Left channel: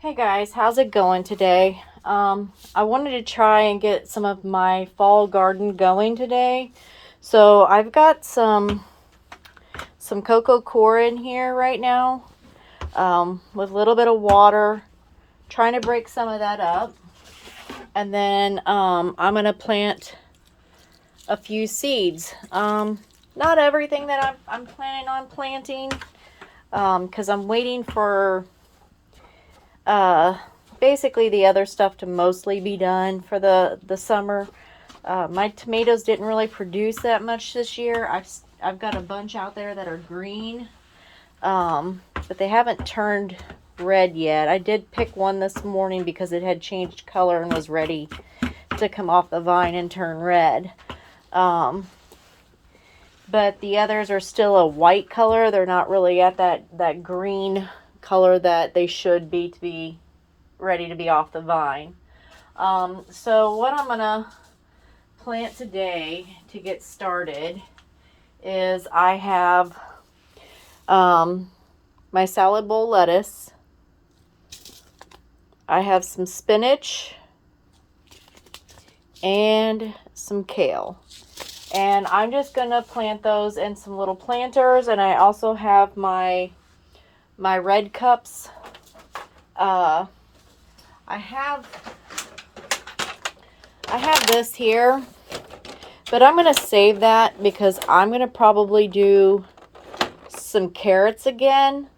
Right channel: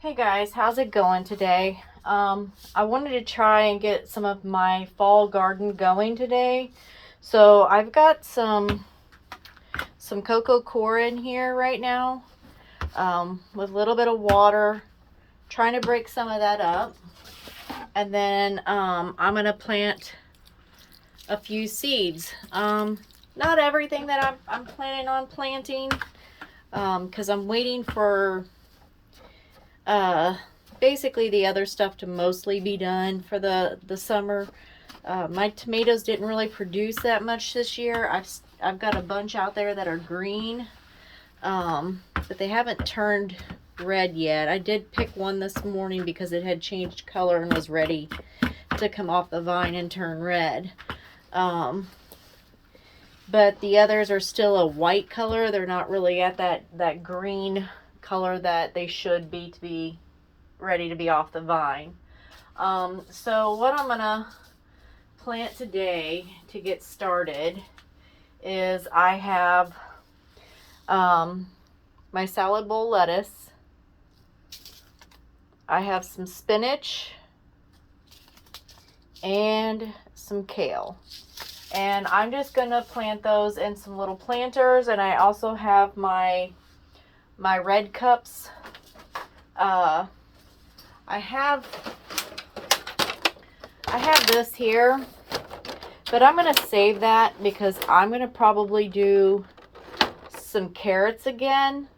Hey guys, how's it going today? I wanted to try and get some of my fall garden going today. So I've got some coco coir in here right now, with a little bit of water, trying to break some of that up. And then I'm gonna plant a few seeds. Not everything that I'm planning on planting, because I'm waiting for uh, basically the other stuff to mostly be done for the summer. My tomatoes didn't really produce that much this year. I've got a bunch out there that are green, but they haven't turned red yet. I did pick one this morning because it had changed color and was ready to come off the vine and turn red. Um, but the others are still a white color. They're not really at that green color that they should be to be ready to be off the vine. So what I'm gonna plant today to get started is I have my salad bowl lettuce. I have some spinach and some kale. And I'm just gonna plant those in some little planters, and I also have my red cups. Uh, I have this here, but I'm gonna save that because I'm gonna probably do some carrots again.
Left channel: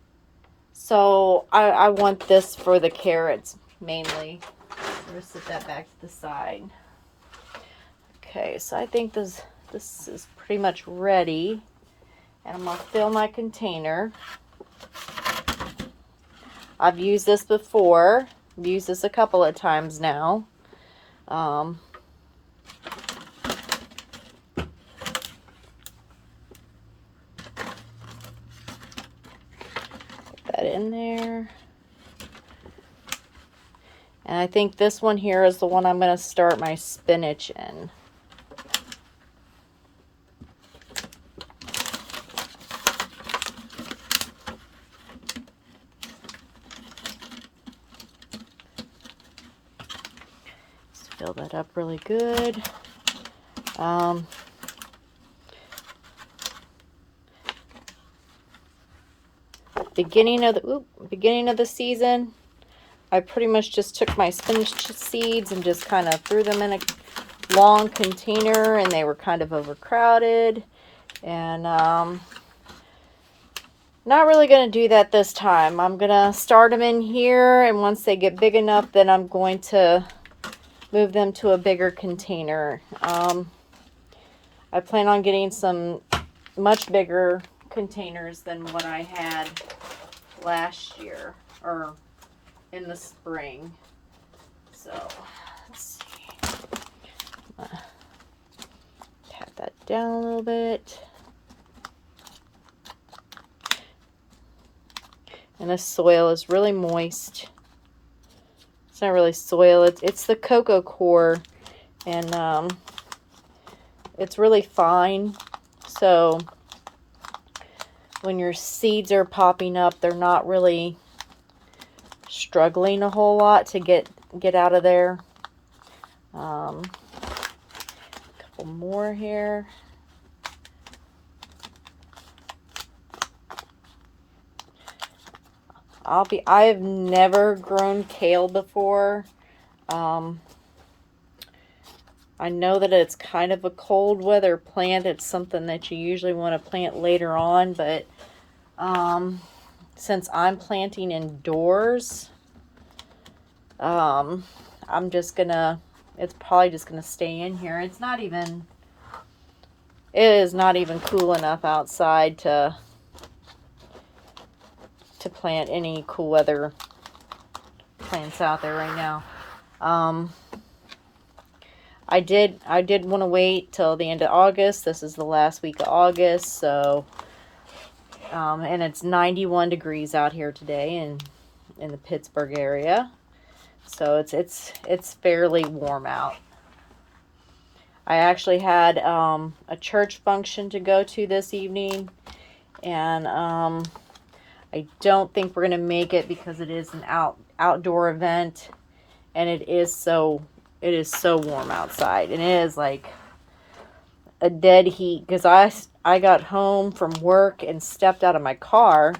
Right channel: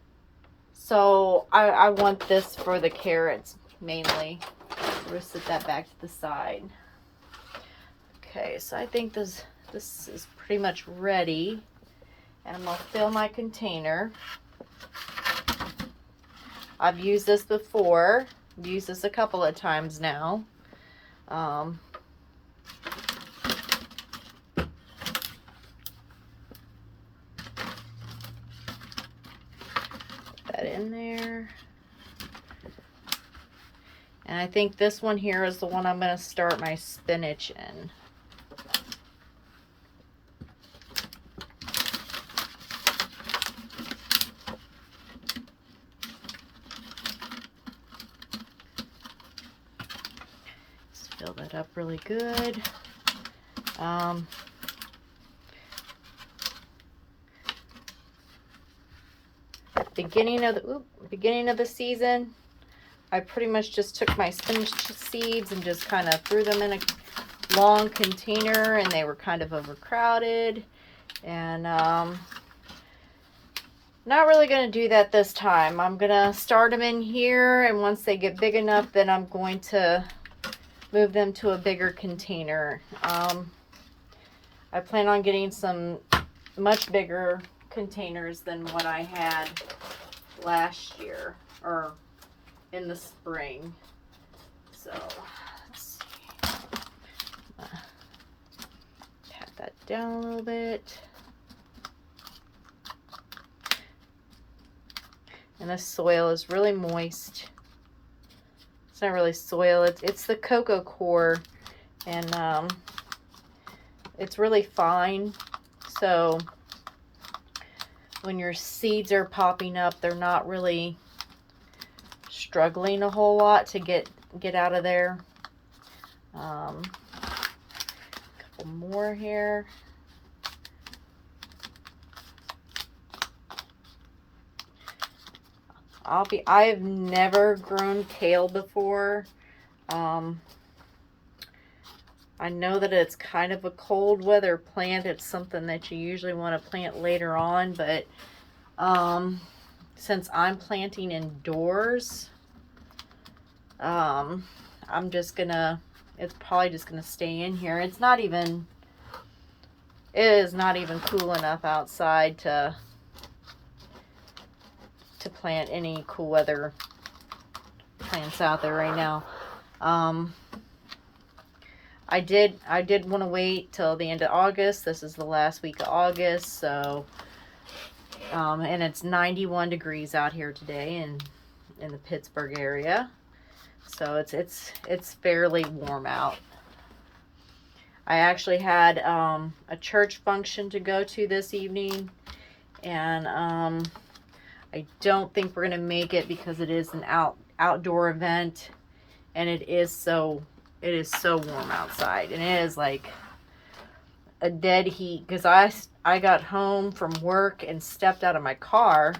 So I want this for the carrots mainly. So we'll set that back to the side. Okay, so I think this is pretty much ready. And I'm gonna fill my container. I've used this before. I've used this a couple of times now. Put that in there. And I think this one here is the one I'm going to start my spinach in. Just fill that up really good. Beginning of the season, I pretty much just took my spinach seeds and just kind of threw them in a long container, and they were kind of overcrowded. And not really going to do that this time. I'm going to start them in here, and once they get big enough, then I'm going to move them to a bigger container. I plan on getting some much bigger containers than what I had last year, or in the spring. So let's see. Pat that down a little bit. And this soil is really moist. It's not really soil, it's the coco coir, and it's really fine. So when your seeds are popping up, they're not really struggling a whole lot to get out of there. A couple more here. I've never grown kale before. I know that it's kind of a cold weather plant. It's something that you usually want to plant later on, but since I'm planting indoors, I'm just gonna, it's probably just gonna stay in here. It is not even cool enough outside to plant any cool weather plants out there right now. I did want to wait till the end of August. This is the last week of August, so and it's 91 degrees out here today in the Pittsburgh area. So it's fairly warm out. I actually had a church function to go to this evening, and I don't think we're going to make it because it is an outdoor event, and it is so warm outside, and it is like a dead heat because I got home from work and stepped out of my car,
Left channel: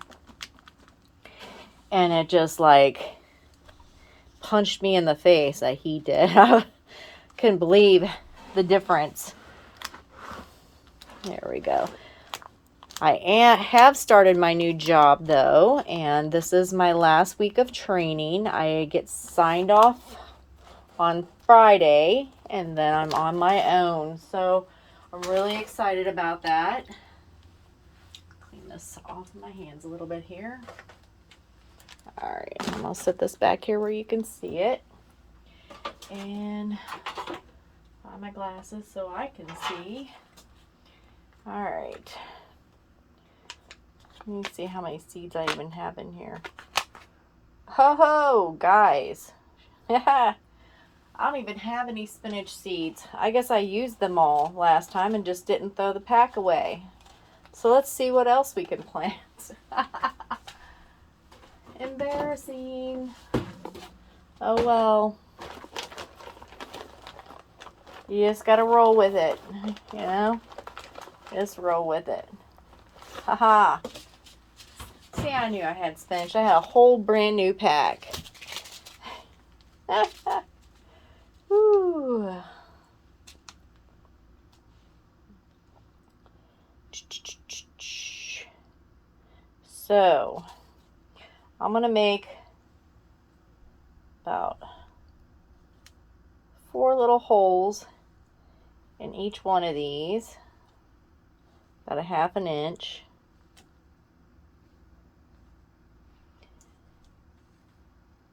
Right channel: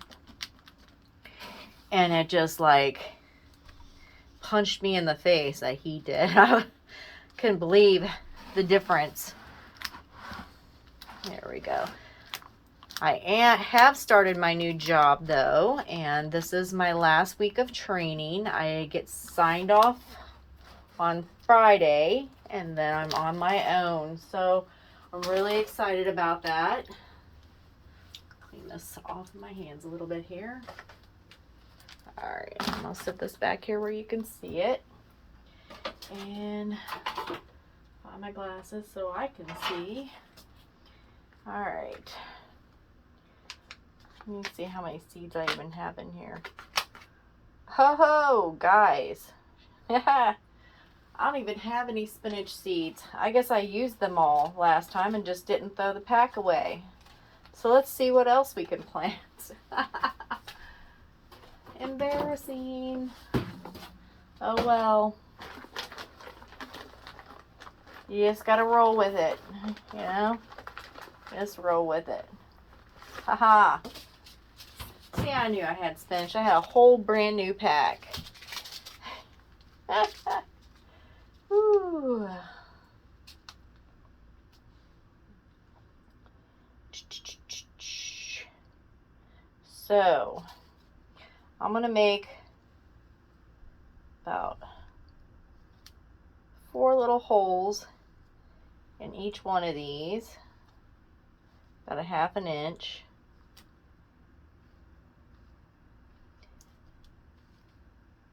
and it just like punched me in the face. That heat did. I couldn't believe the difference. There we go. I have started my new job though, and this is my last week of training. I get signed off on Friday, and then I'm on my own. So I'm really excited about that. Clean this off my hands a little bit here. All right, I'll set this back here where you can see it. And find my glasses so I can see. All right. Let me see how many seeds I even have in here. Ho ho, guys. I don't even have any spinach seeds. I guess I used them all last time and just didn't throw the pack away. So let's see what else we can plant. Embarrassing. Oh well. You just gotta roll with it, you know? Just roll with it. Haha. See, I knew I had spinach. I had a whole brand new pack. Ooh. So, I'm going to make about 4 little holes in each one of these. About a 1/2 inch.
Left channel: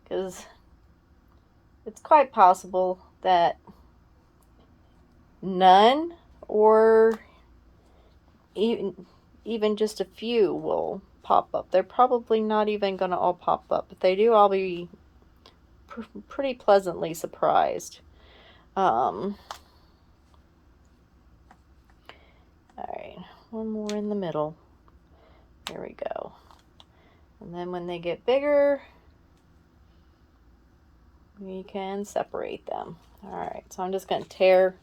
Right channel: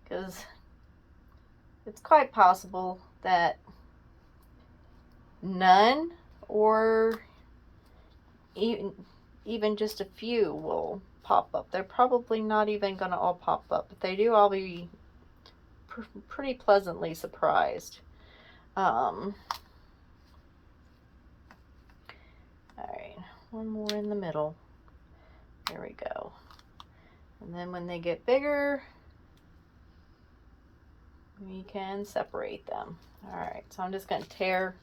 Because it's quite possible that none or even just a few will pop up. They're probably not even going to all pop up. If they do, I'll be pretty pleasantly surprised. All right, one more in the middle. There we go. And then when they get bigger, we can separate them. All right, so I'm just going to tear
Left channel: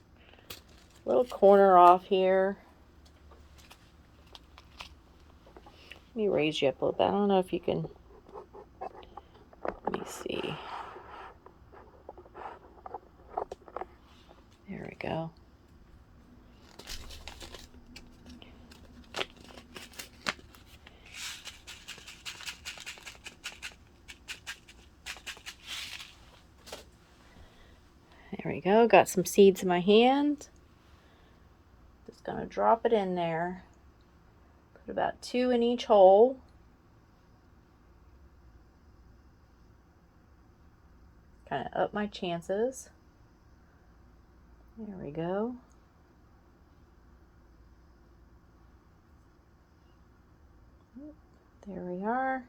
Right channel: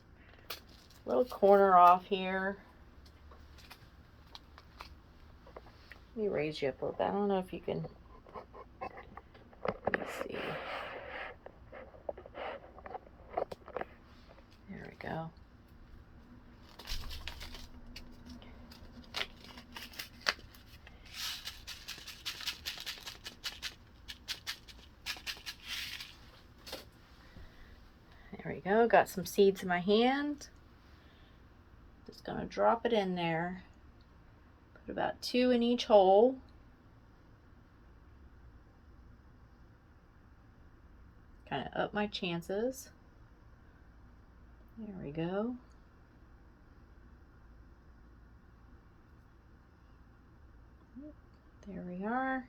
a little corner off here. Let me raise you up a little bit. I don't know if you can. Let me see. There we go. There we go. Got some seeds in my hand. Just gonna drop it in there. Put about 2 in each hole. Kind of up my chances. There we go. There we are.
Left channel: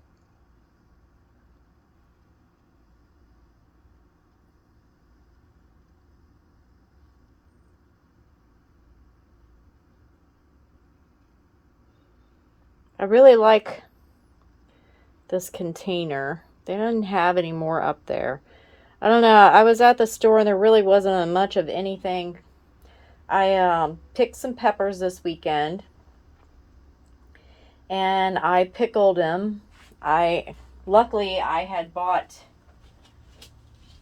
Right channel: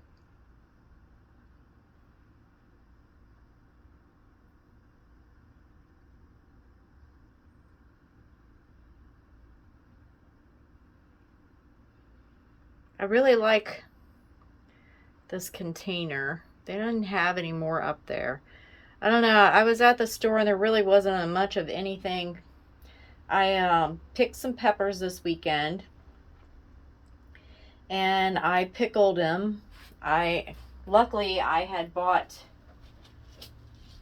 I really like this container. They didn't have any more up there. I don't know. I was at the store and there really wasn't much of anything. I picked some peppers this weekend and I pickled them. Luckily I had bought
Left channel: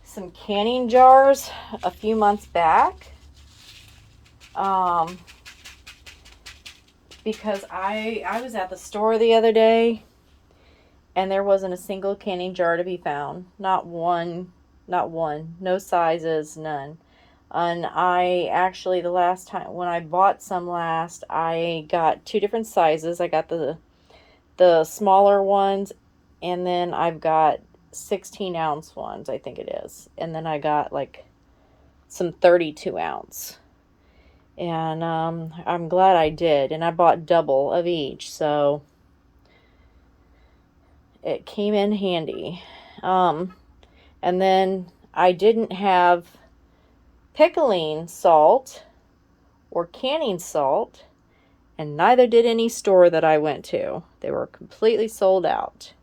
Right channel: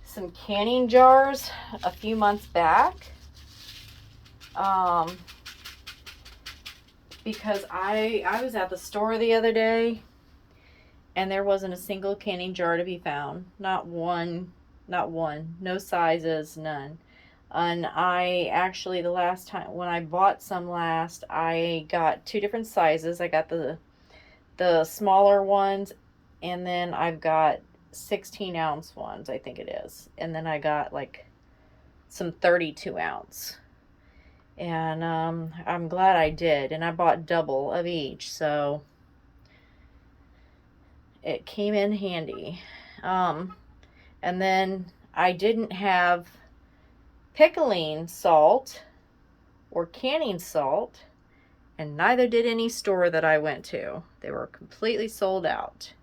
some canning jars a few months back. Because I was at the store the other day and there wasn't a single canning jar to be found. Not one, no sizes, none. And I actually, the last time when I bought some last, I got 2 different sizes. I got the smaller ones, and then I've got 16-ounce ones, I think it is. And then I got like some 32-ounce. And I'm glad I did, and I bought double of each, so it came in handy. And then I didn't have pickling salt or canning salt, and neither did any store that I went to. They were completely sold out.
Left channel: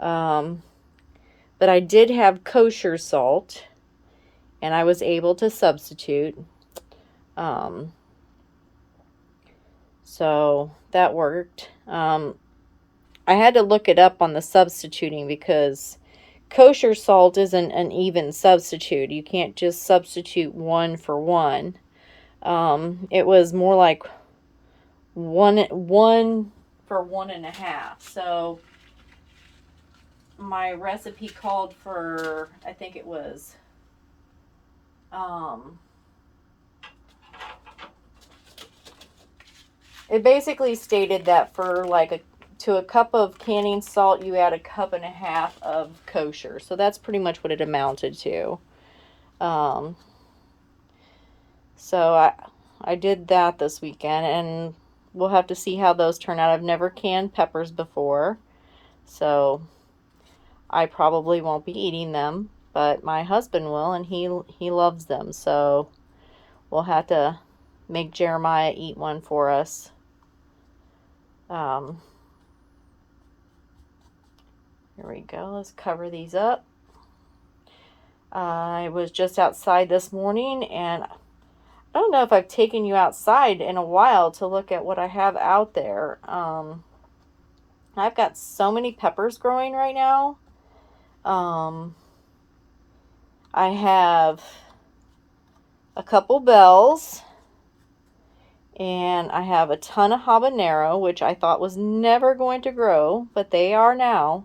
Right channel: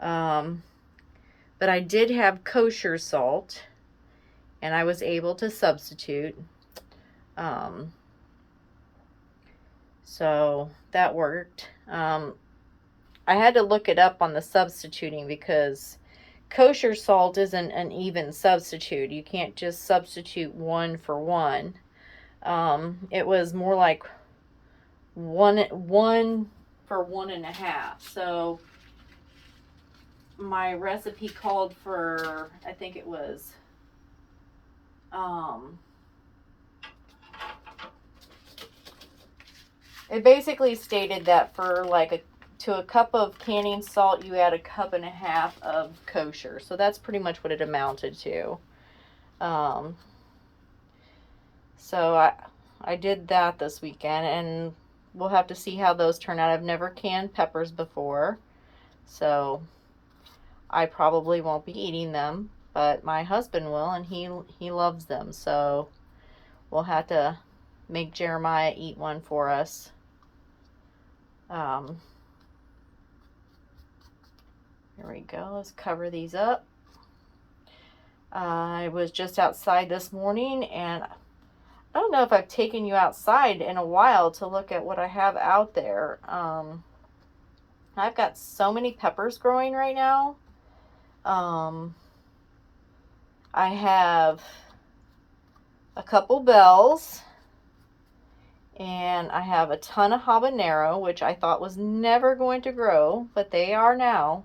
But I did have kosher salt, and I was able to substitute. So that worked. I had to look it up on the substituting because kosher salt isn't an even substitute. You can't just substitute 1 for 1. It was more like one for 1.5. So my recipe called for, I think it was, it basically stated that for like to a cup of canning salt, you add 1.5 cups of kosher. So that's pretty much what it amounted to. So I did that this weekend, and we'll have to see how those turn out. I've never canned peppers before, so I probably won't be eating them, but my husband will, and he loves them. So we'll have to make Jeremiah eat one for us. Here we go. Let's cover these up. I was just outside this morning, and I don't know if I've taken you outside in a while to look at what I have out there. I've got so many peppers growing right now. I have a couple bells, and I have a ton of habanero, which I thought was never going to grow, but they are now.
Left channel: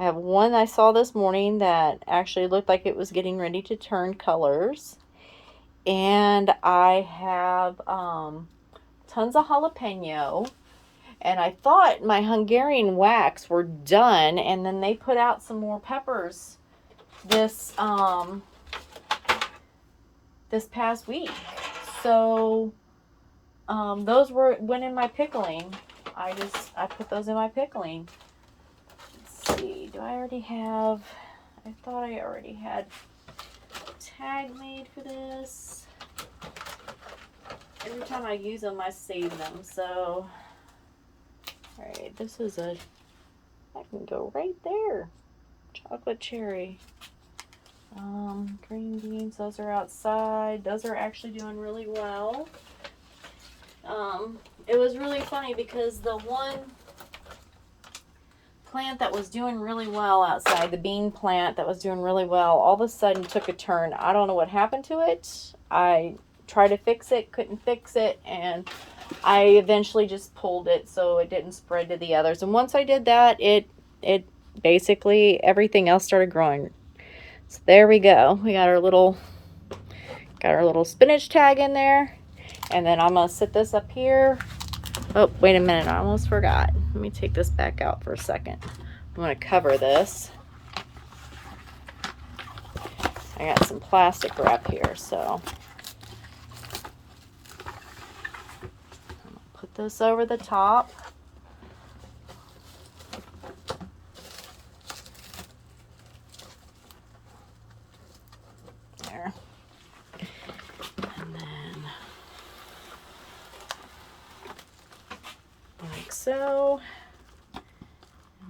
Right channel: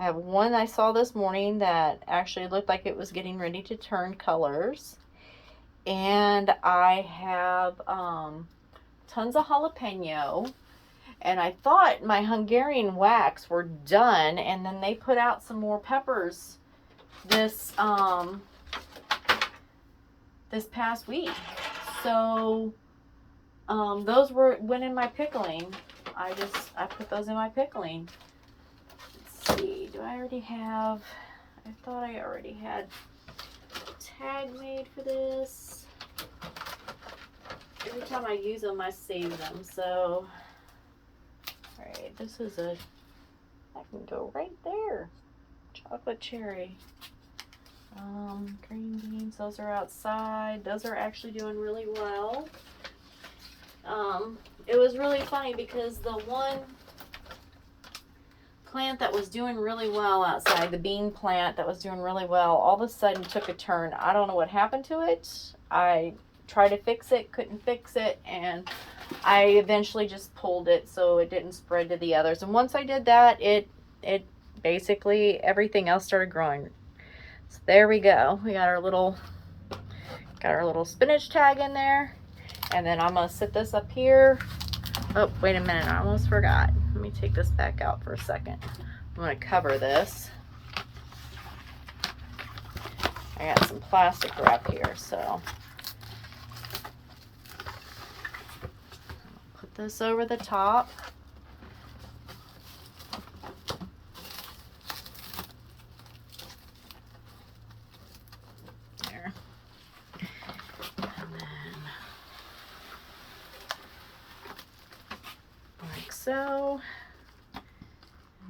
I have one I saw this morning that actually looked like it was getting ready to turn colors. And I have tons of jalapeno. And I thought my Hungarian wax were done, and then they put out some more peppers this past week. So those went in my pickling. I put those in my pickling. Let's see, do I already have, I thought I already had a tag made for this. Every time I use them, I save them. So, alright, this is I can go right there. Chocolate cherry. Green beans, those are outside. Those are actually doing really well. It was really funny because the one plant that was doing really well outside, the bean plant that was doing really well, all of a sudden took a turn. I don't know what happened to it. I tried to fix it, couldn't fix it, and I eventually just pulled it so it didn't spread to the others. And once I did that, it basically everything else started growing. So there we go. We got our little spinach tag in there. And then I'm gonna sit this up here. Oh, wait a minute, I almost forgot. Let me take this back out for a second. I'm gonna cover this. I got some plastic wrap here, so put this over the top. There. And then like so. And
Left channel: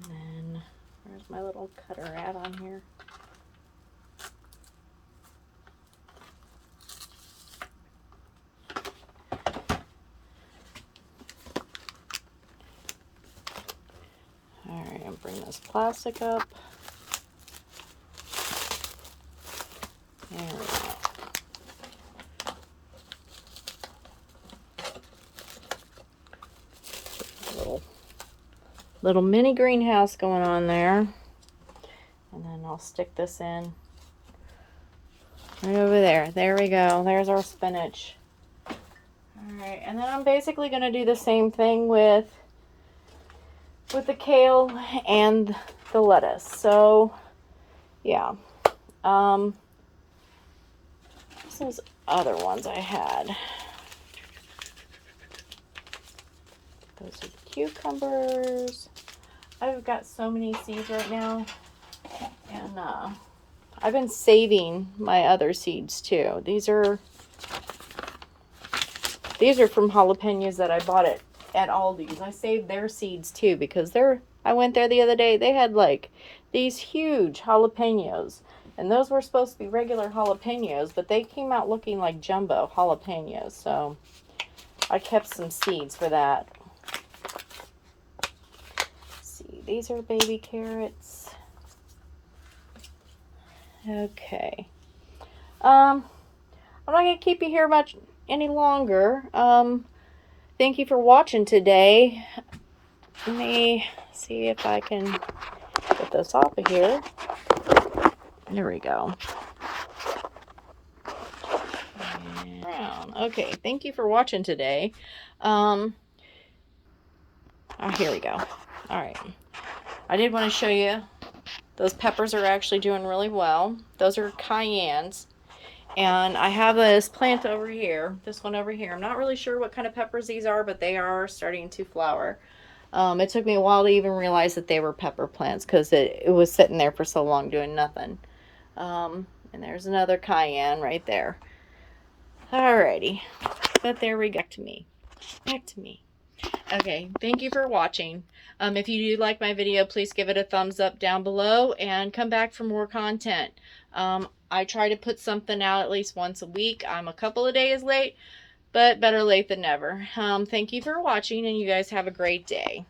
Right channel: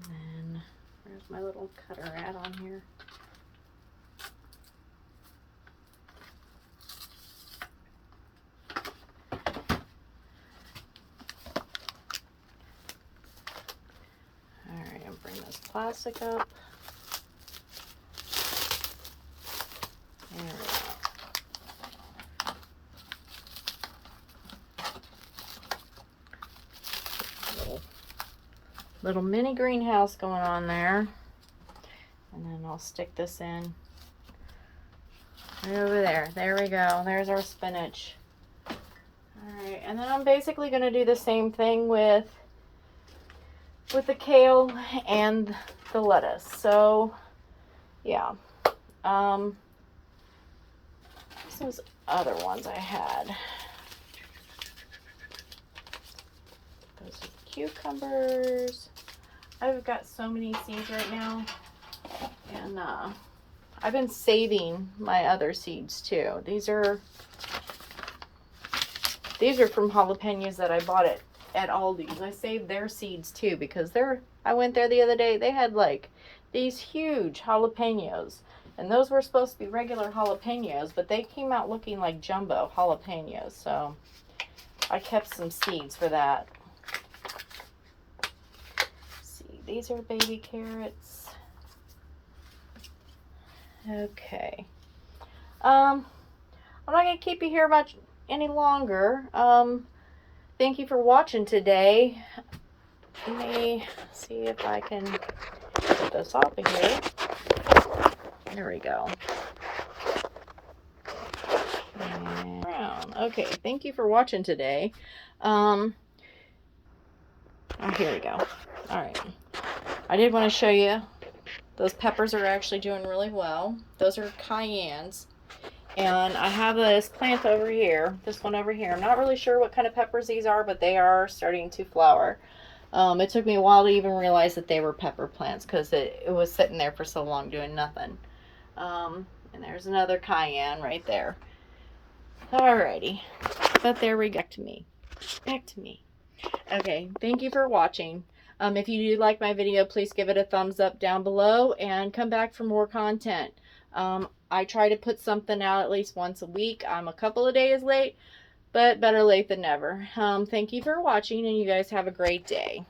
then there's my little cutter at on here. Alright, I'll bring this plastic up. There we go. Little mini greenhouse going on there. And then I'll stick this in right over there. There we go. There's our spinach. Alright, and then I'm basically going to do the same thing with the kale and the lettuce. So, yeah. Those other ones I had. Those are cucumbers. I've got so many seeds right now, and I've been saving my other seeds too. These are from jalapenos that I bought at at Aldi's. I saved their seeds too because I went there the other day. They had like these huge jalapenos. And those were supposed to be regular jalapenos, but they came out looking like jumbo jalapenos. So I kept some seeds for that. Let's see, these are baby carrots. Okay. I'm not going to keep you here much any longer. Thank you for watching today. Let me see if I can get this off of here. There we go. And brown. Okay, thank you for watching today. Oh, here we go. All right. I did want to show you those peppers are actually doing really well. Those are cayennes. And I have this plant over here, this one over here. I'm not really sure what kind of peppers these are, but they are starting to flower. It took me a while to even realize that they were pepper plants because it was sitting there for so long doing nothing. And there's another cayenne right there. Alrighty, but there we go. Back to me. Okay, thank you for watching. If you do like my video, please give it a thumbs up down below and come back for more content. I try to put something out at least once a week. I'm a couple of days late, but better late than never. Thank you for watching, and you guys have a great day.